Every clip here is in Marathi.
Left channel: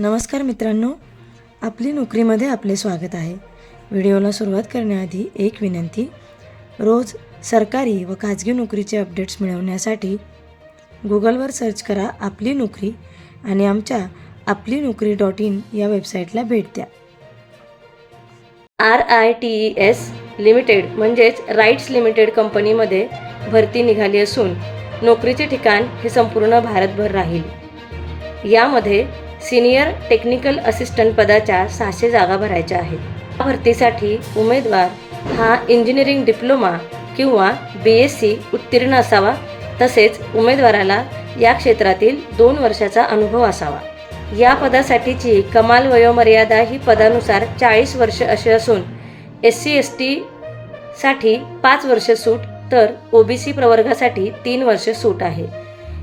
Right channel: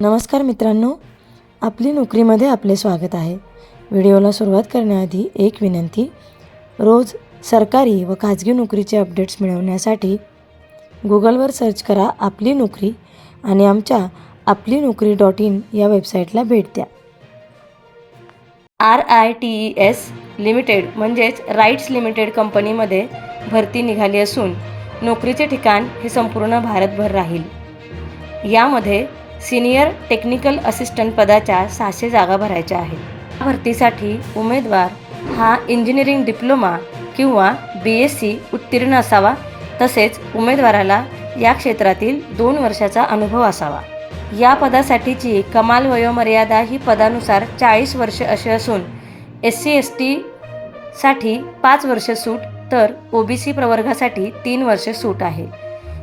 नमस्कार मित्रांनो, आपली नोकरीमध्ये आपले स्वागत आहे. व्हिडिओला सुरुवात करण्याआधी एक विनंती. रोज सरकारी व खाजगी नोकरीचे अपडेट्स मिळवण्यासाठी गुगलवर सर्च करा आपली नोकरी आणि आमच्या आपलीनोकरी.in या वेबसाईटला भेट द्या. RITES लिमिटेड म्हणजेच राईट्स लिमिटेड कंपनीमध्ये भरती निघाली असून नोकरीचे ठिकाण हे संपूर्ण भारतभर राहील. यामध्ये सिनियर टेक्निकल असिस्टंट पदाच्या 600 जागा भरायच्या आहेत. या भरतीसाठी उमेदवार हा इंजिनिअरिंग डिप्लोमा किंवा BSc उत्तीर्ण असावा, तसेच उमेदवाराला या क्षेत्रातील 2 वर्षाचा अनुभव असावा. या पदासाठीची कमाल वयोमर्यादा ही पदानुसार 40 वर्ष अशी असून SC/ST साठी 5 वर्ष सूट तर OBC प्रवर्गासाठी 3 वर्ष सूट आहे.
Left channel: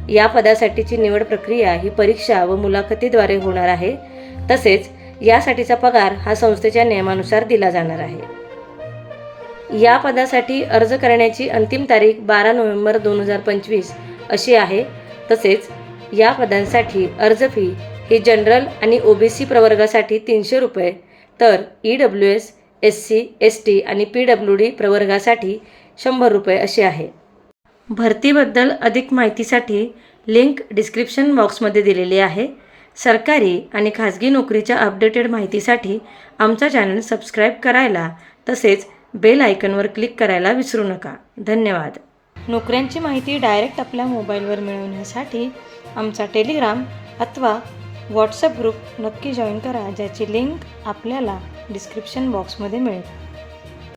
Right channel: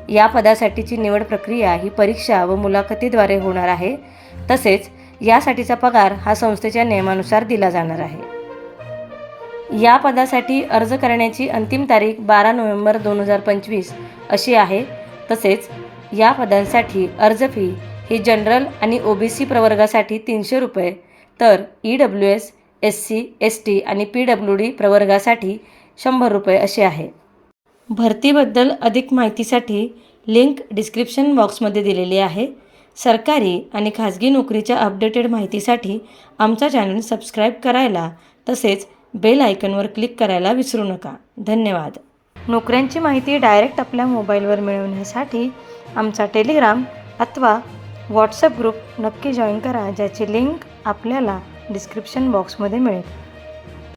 या पदासाठीची निवड प्रक्रिया ही परीक्षा व मुलाखतीद्वारे होणार आहे. तसेच यासाठीचा पगार हा संस्थेच्या नियमानुसार दिला जाणार आहे. या पदासाठी अर्ज करण्याची अंतिम तारीख 12 नोव्हेंबर 2025 अशी आहे. तसेच या पदांसाठी अर्ज फी ही जनरल आणि OBC प्रवर्गासाठी 300 रुपये तर EWS, SC, ST आणि PWD प्रवर्गासाठी 100 रुपये अशी आहे. भरतीबद्दल अधिक माहितीसाठी लिंक डिस्क्रिप्शन बॉक्समध्ये दिलेली आहे. सरकारी आणि खाजगी नोकरीच्या अपडेटेड माहितीसाठी आमचा चॅनल सबस्क्राईब करायला तसेच बेल आयकॉनवर क्लिक करायला विसरू नका. धन्यवाद. नोकऱ्यांची माहिती डायरेक्ट आपल्या मोबाईलवर मिळवण्यासाठी आमचा टेलिग्राम अथवा व्हॉट्सअप ग्रुप नक्की जॉईन करा, ज्याची लिंक आपल्याला डिस्क्रिप्शन बॉक्समध्ये मिळेल.